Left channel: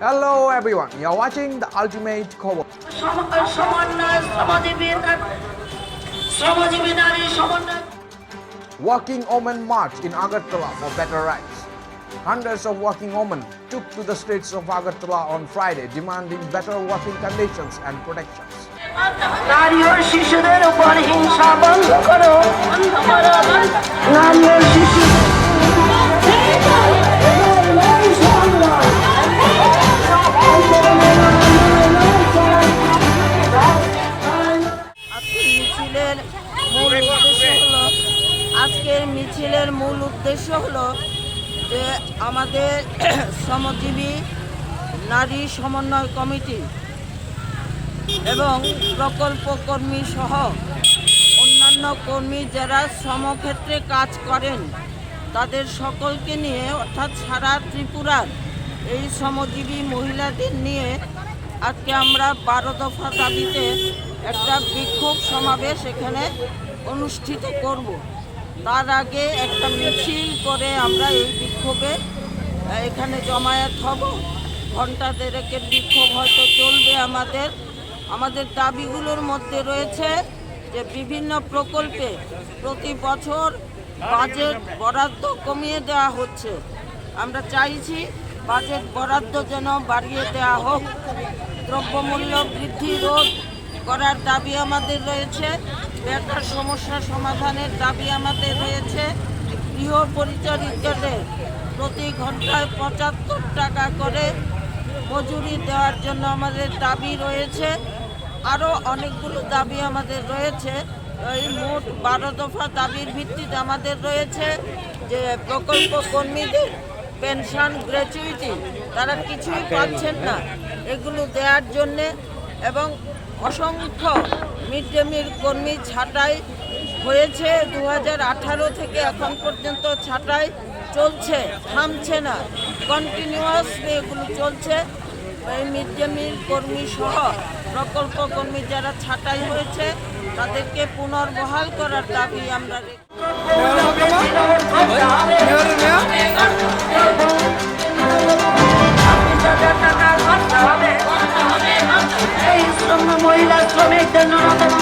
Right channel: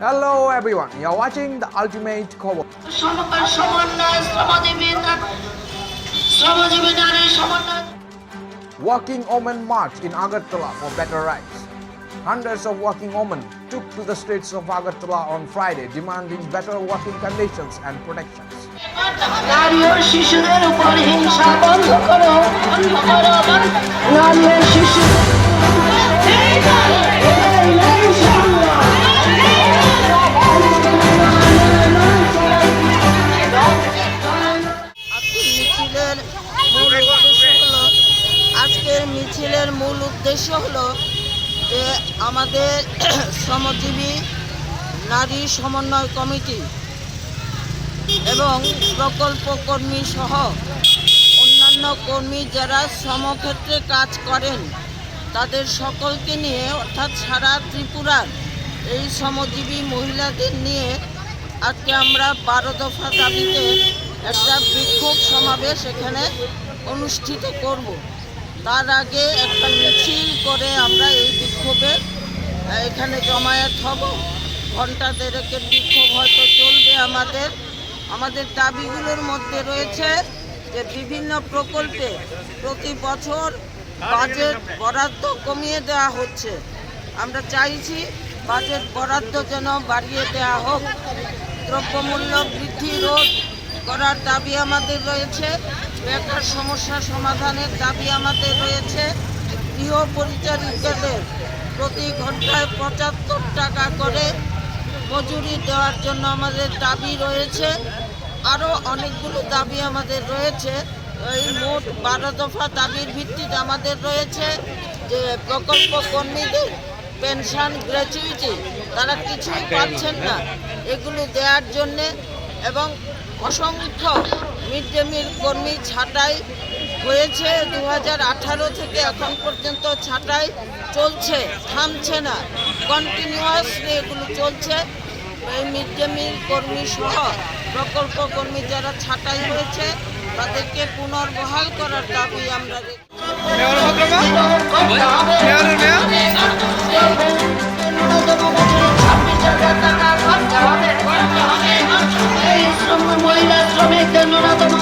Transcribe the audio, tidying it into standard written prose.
Hello everyone, you're watching the Ultimate Khobor. Working Women March in Agartala for better rights. Hundreds of working women took to the streets of Agartala on Friday demanding better working conditions and protections. নারী ও শিশুদের উপর হিংসা বন্ধ করো নারী ও শিশু আজকের মিছিলের মূল উদ্দেশ্য হলো যে আমাদের শ্রমজীবী নারী সমন্বয় কমিটি এবং প্রকল্প কর্মী সহ অন্যান্য কর্মী যারা শ্রমক্ষেত্রে কাজ করেন তাদের সকলকে নিয়ে অর্থাৎ সারা ত্রিপুরার এই শ্রমজীবী মহিলাদের নিয়ে আজকে আমরা 12 দফা দাবিতে একটা বিক্ষোভ সমাবেশ এখানে অনুষ্ঠিত করব। তার আগে একটা মিছিল করে আমরা এই বিক্ষোভে এখানে জমায়েত হব। ঘণ্টা দেড়েকের বিক্ষোভ হয়তো চলবে। আমাদের দাবিগুলোর মধ্যে রয়েছে যে বিভিন্ন প্রকল্পে প্রতি বছর বাজেট বরাদ্দ কমিয়ে দেওয়া হচ্ছে। আমরা চাইছি বাজেট বরাদ্দ যেন বাড়িয়ে দেওয়া হোক। দ্রব্যমূল্য বৃদ্ধি রোধ করার দাবি আমাদের রয়েছে। বেকার সমস্যা সমাধানের দাবি আমাদের রয়েছে। গৃহ পরিচারিকাদের প্রতি ঘন্টায় 75 টাকা করে মজুরি দেওয়ার জন্য আমাদের দাবি রয়েছে। আরও অনেকগুলো দাবি আমাদের রয়েছে। এই মোট 12 দফা দাবির ভিত্তিতে আমাদের রয়েছে যে প্রকল্প কর্মীদের পেনশন গ্র্যাচুইটি তারা কিছুই পাচ্ছেন না, এগুলো দেওয়ার জন্যে এবং অসংখ্য মিড ডে মিল কর্মী ছাঁটাই হয়েছে 2018 থেকে এখন পর্যন্ত ছাঁটাই চলছে, থামছে না, কন্টিনিউয়াসলি এগুলো চলছে। এই মিড ডে মিল কর্মী সহ প্রকল্প কর্মী যারা ছাঁটাই হয়েছে তাদেরকে পুনর্বহাল করার দাবি আমরা মহিলা শ্রমিকদের ন্যূনতম